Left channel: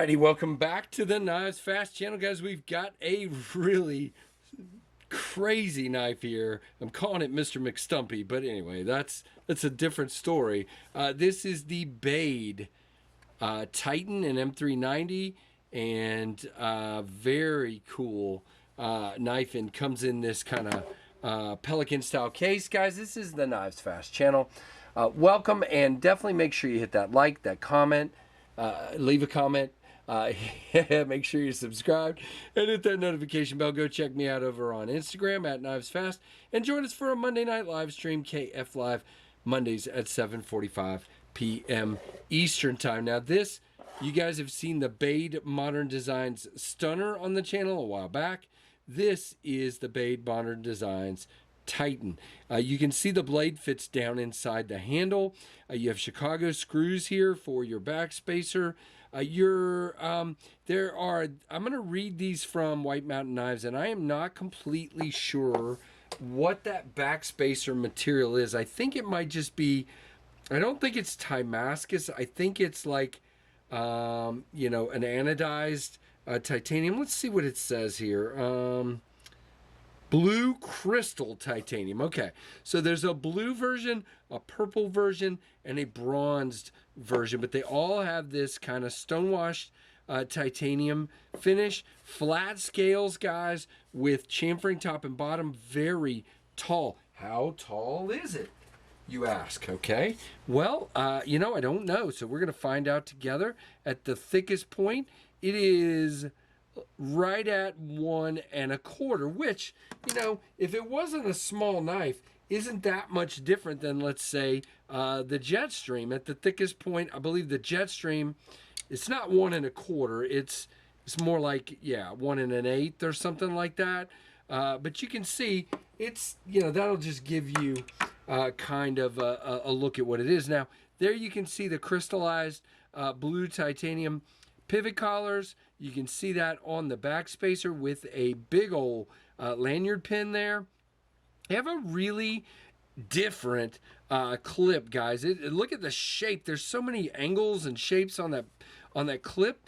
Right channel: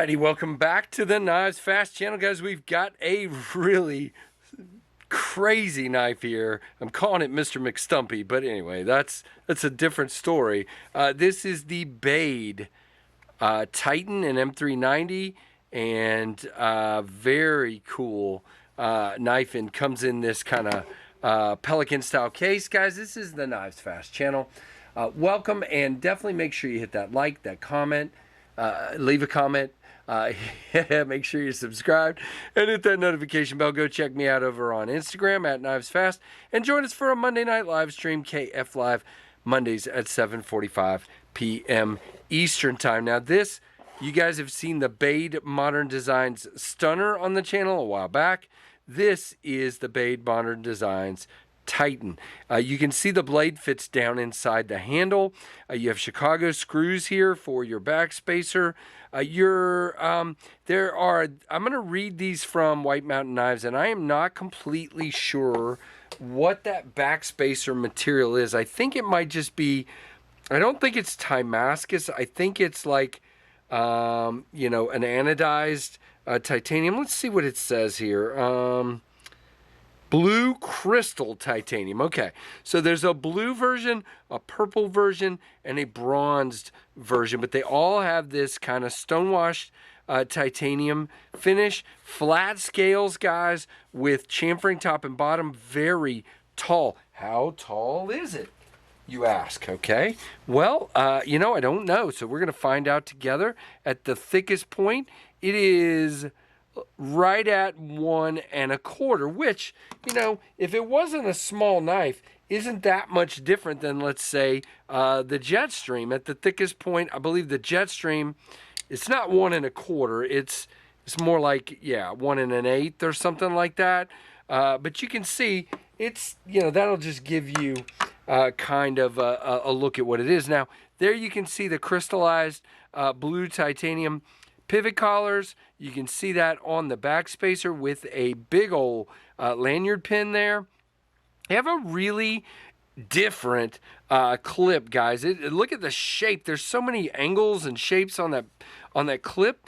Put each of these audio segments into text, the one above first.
Alrighty, welcome back to the Knives Fast channel, guys. We've got a really crazy knife here. I'm calling it Mr. McStumpy, but anyway, that's a different story. This is the Bade Titan and M390, and very cool knife, and comes in this kind of Pelican style case. Guys, this is the Knives Fast channel. Welcome, and definitely make sure you hit that like, that comment, leave a comment. Make sure you're subscribed and hit that notification bell. Go check me out over on Instagram at Knives Fast, and join us for a Monday night live stream, KF Live, Mondays at 7:45 p.m. Eastern time. Now this, you guys have seen the Bade Modern Designs Stunner on the channel a while back. This is the Bade Modern Designs Titan. You can see the blade fits down inside the handle. You have Chicago screws here for your back spacer. I'm going to read these from White Mountain Knives, and I am not completely sure what that back spacer material is. I think it might just be, I don't think it's Damascus. I think it's like, an anodized titanium. Let's see what it says here. Blue crystal titanium. Okay, so there's a blue version, a purple version, and a bronzed version, but they all have this kind of stonewashed titanium finish. Flat scales, guys, with chamfering top and bottom. Very tall. How tall is it, you ask? Okay, well, I don't know, so we're going to find out together. At the thickest point, it is right at 1 1/4, which, if it wasn't a small knife, isn't that much different than, let's say, the Jetstream. At the thickest point, I believe the Jetstream, it's not 1 1/4. It's more like, 1 1/8 or something like that. But you can see it's, that'll just give you kind of a look at what it is. Now, there you can see the crystallized blue titanium pivot collars. You can see that on the back spacer with a big old lanyard pin there. They have a really different clip, guys. Look at the shape. There's so many angles and shapes on that clip.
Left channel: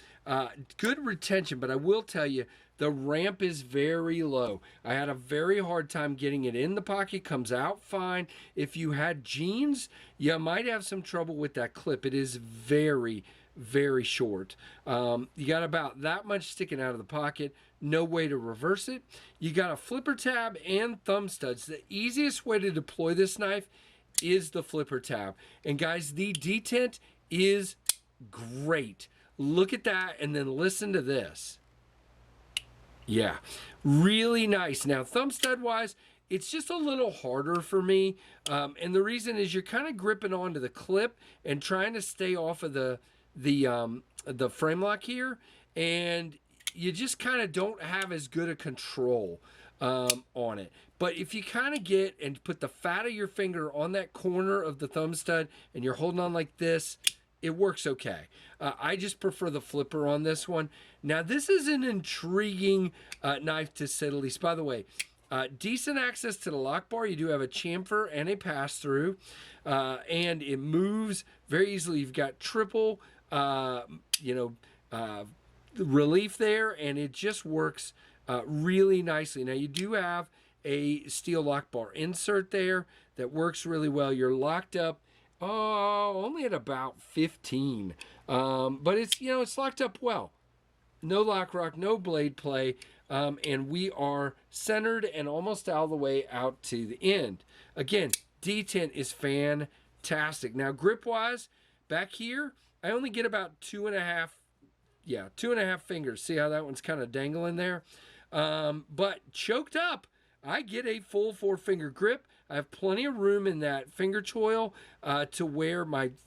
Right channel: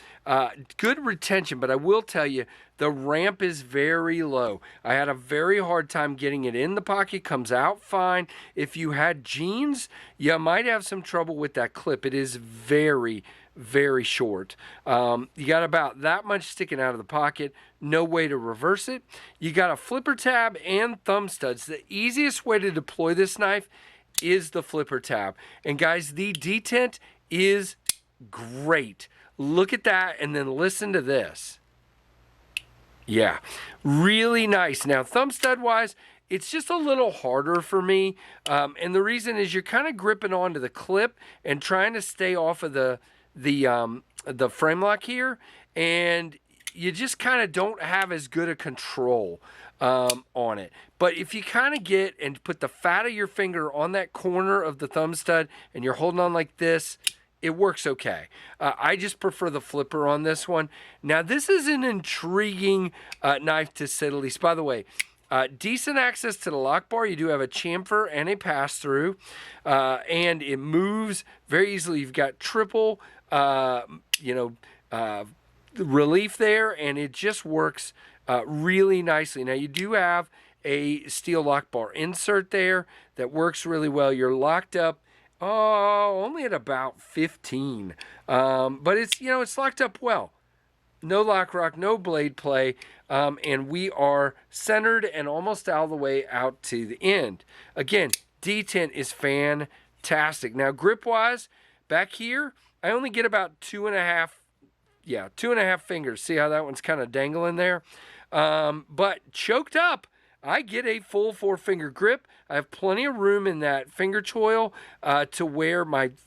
Good retention, but I will tell you, the ramp is very low. I had a very hard time getting it in the pocket. Comes out fine. If you had jeans, you might have some trouble with that clip. It is very, very short. You got about that much sticking out of the pocket. No way to reverse it. You got a flipper tab and thumb studs. The easiest way to deploy this knife is the flipper tab. And guys, the detent is great. Look at that, and then listen to this. Yeah, really nice. Now, thumb stud wise, it's just a little harder for me. And the reason is you're kind of gripping onto the clip and trying to stay off of the frame lock here, and you just kind of don't have as good a control on it. But if you kind of get and put the fat of your finger on that corner of the thumb stud and you're holding on like this, it works okay. I just prefer the flipper on this one. Now, this is an intriguing knife, to say the least. By the way, decent access to the lock bar. You do have a chamfer and a pass-through, and it moves very easily. You've got triple relief there, and it just works really nicely. Now, you do have a steel lock bar insert there that works really well. You're locked up only at about 15, but it's locked up well. No lock rock, no blade play, and we are centered and almost all the way out to the end. Again, detent is fantastic. Now, grip wise, back here, I only get about 2.5 fingers. See how that one's kind of dangling there? But choked up, I get a full 4-finger grip. I have plenty of room in that finger choil to where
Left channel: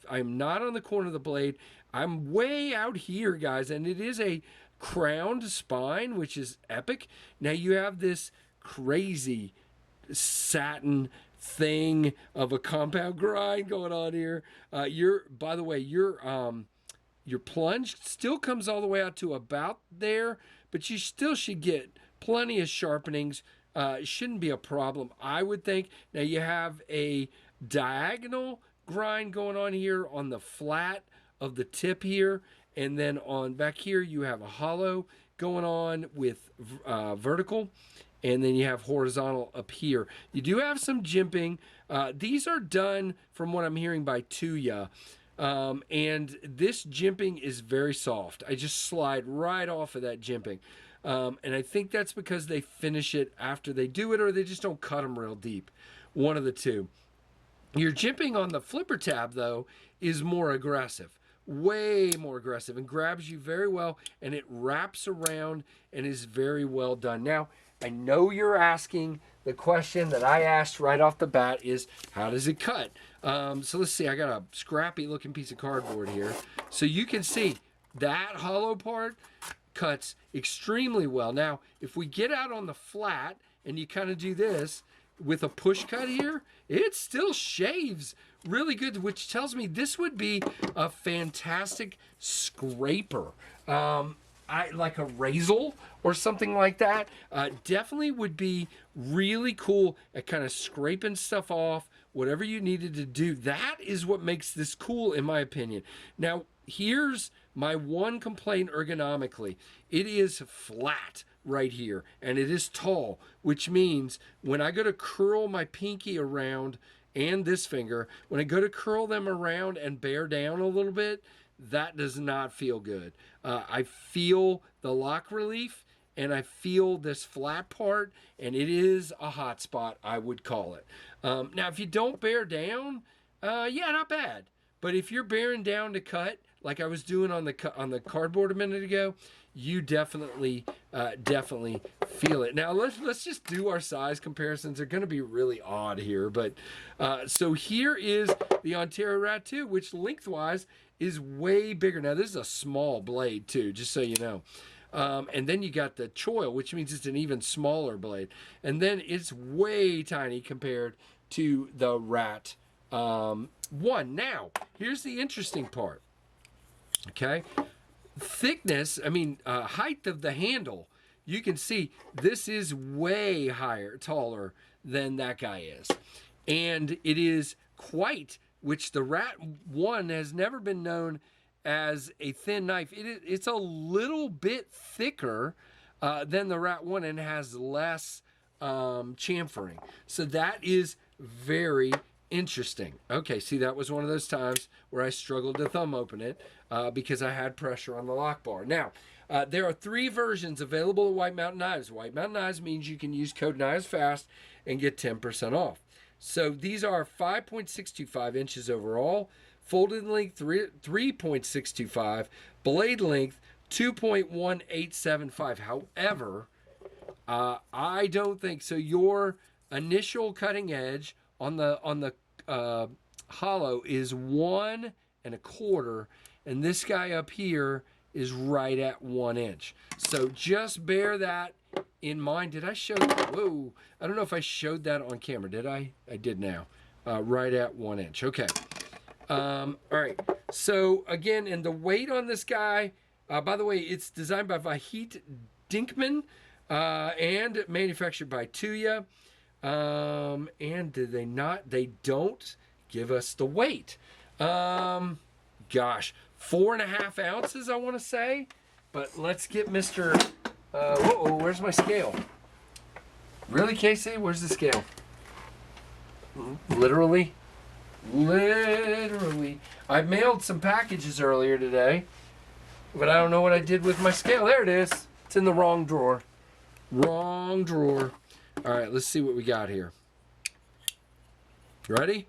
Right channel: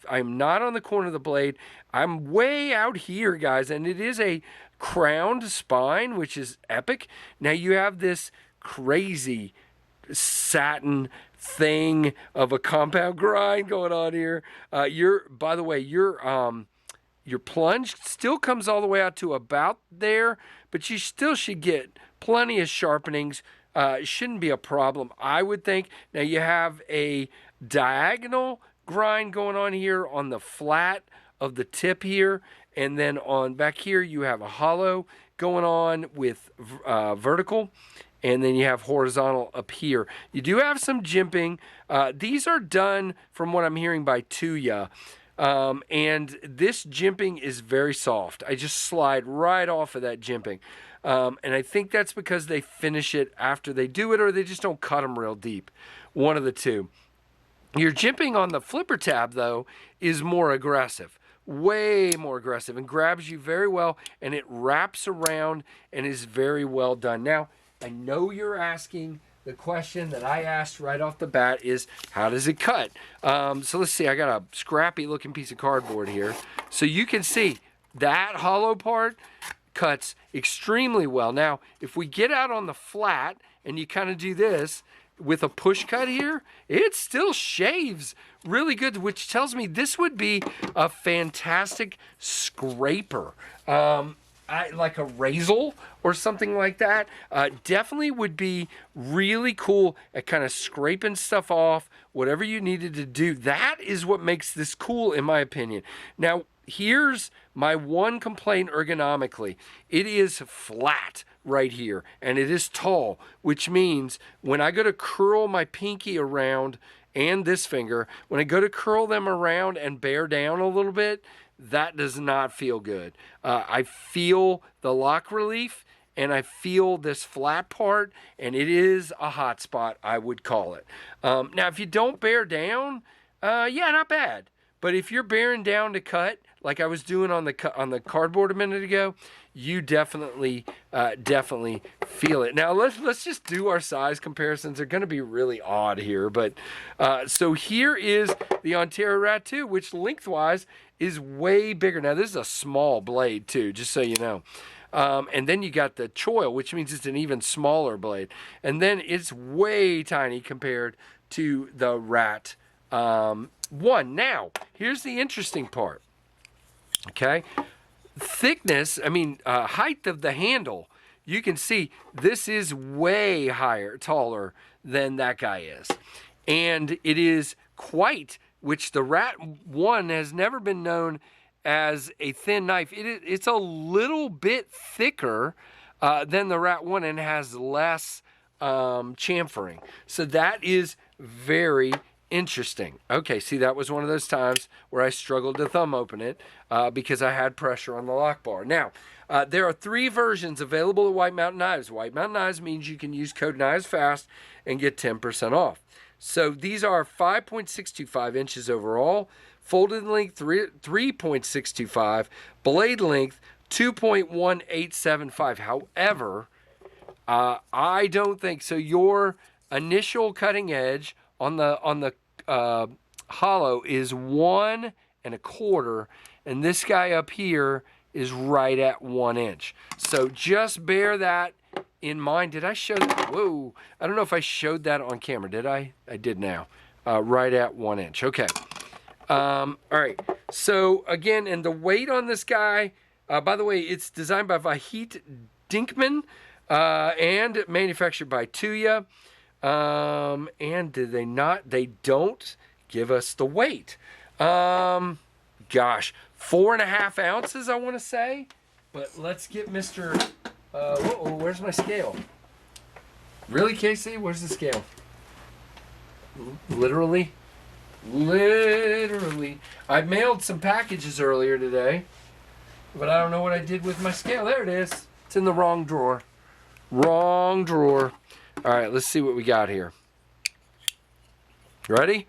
I'm not on the corner of the blade. I'm way out here, guys, and it is a crowned spine, which is epic. Now you have this crazy satin thing of a compound grind going on here. By the way, your plunge still comes all the way out to about there, but you still should get plenty of sharpenings. It shouldn't be a problem, I would think. Now you have a diagonal grind going on here on the flat of the tip here, And then on back here, you have a hollow going on with vertical. And then you have horizontal up here. You do have some jimping. These are done, from what I'm hearing, by Tuya. And this jimping is very soft. I just slide right off of that jimping. And I think that's because they finish it after they do it, or they just don't cut them real deep. One of the two. Your jimping on the flipper tab, though, is more aggressive. Way more aggressive, and grabs you very well, and it wraps around and is very well done. Now, I know you're asking the question that I asked right off the bat is, how does it cut? So let's see, I got a scrappy looking piece of cardboard here. So you can see that hollow part cuts extremely well. Now, if we get out on the flat and you kind of do this with a push cut here, it still shaves really good, which tells me this would be a fantastic scraper. Like a razor or something like that. Definitely would be really cool at kind of scraping stuff off, whatever you needed to do. That is what makes this cool, in my opinion. Now, here's my one complaint ergonomically. It is flat right here, and it is tall, which means when I go to curl my pinky around and this finger, when I go to curl them around and bear down a little bit, that does not feel good. I feel the lock relief, and I feel this flat part, and it is a hot spot, I would call it. Now, if you don't bear down, yeah, not bad. But if you're bearing down to cut, like I was doing on the cardboard a minute ago, you definitely feel it. Now, let's just do our size comparisons. They're going to be really odd here, but so here is the Ontario Rat 2, which lengthwise is way bigger. Now, this is a small blade too, just so you know. And then you got the choil, which means it's an even smaller blade. And then it's way tiny compared to the Rat 1. Now, here's the interesting part. Okay. Thickness, height of the handle. You can see this is way taller than that guy is. And it is quite, which the Rat 1 has never been known as a thin knife. It's a little bit thicker than the Rat 1 and has less chamfering. So that is very interesting. Okay, see, that was one of those times where I struggled to thumb open it because I had pressure on the lock bar. Now, there are 3 versions available at White Mountain Knives. White Mountain Knives means you can use code KNIVESFAST and get 10% off. So these are 5.625 inches overall, folded length 3.625, blade length 2.1875. However, I don't think so. Your initial cutting edge on the hollow is 1 1/4, and this guy up here is right at 1 inch. So just bear that in mind. Did I show that? Whoa, I don't know if I showed that on camera. Did I? I did now. Right at 1 inch. Okay. All right. So again, and the weight on this guy, by the way, it's designed by Vahit Dinkman and manufactured by Tuya. And did they not? They don't give us the weight. Gosh, 4.5 ounces, I want to say. But let's get Mr. Whoa, where's my scale? Really, Casey? Where's the scale? Literally. I mailed some packages earlier today, but I don't know what I did with my scale. There it is. It's in the wrong drawer. Wrong drawer. All right, let's see what we got here. Ready?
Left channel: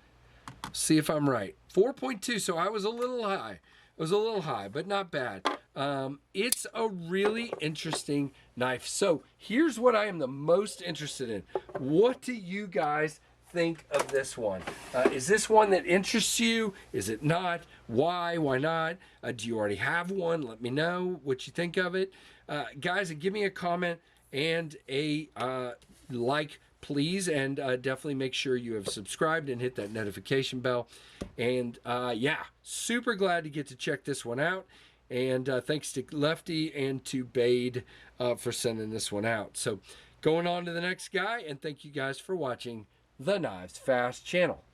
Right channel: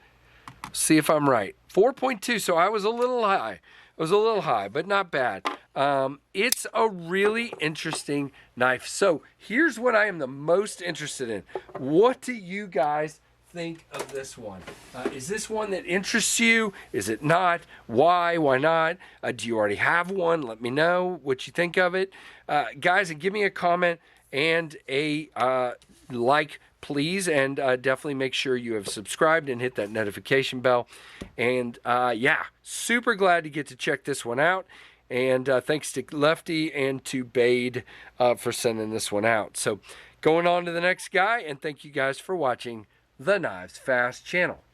See if I'm right. 4.2, so I was a little high. But not bad. It's a really interesting knife. So here's what I am the most interested in. What do you guys think of this one? Is this one that interests you? Is it not? Why? Why not? Do you already have one? Let me know what you think of it. Guys, and give me a comment and a like, please. And definitely make sure you have subscribed and hit that notification bell. And yeah, super glad to get to check this one out. And thanks to Lefty and to Bade for sending this one out. So going on to the next guy, and thank you guys for watching the Knives Fast channel.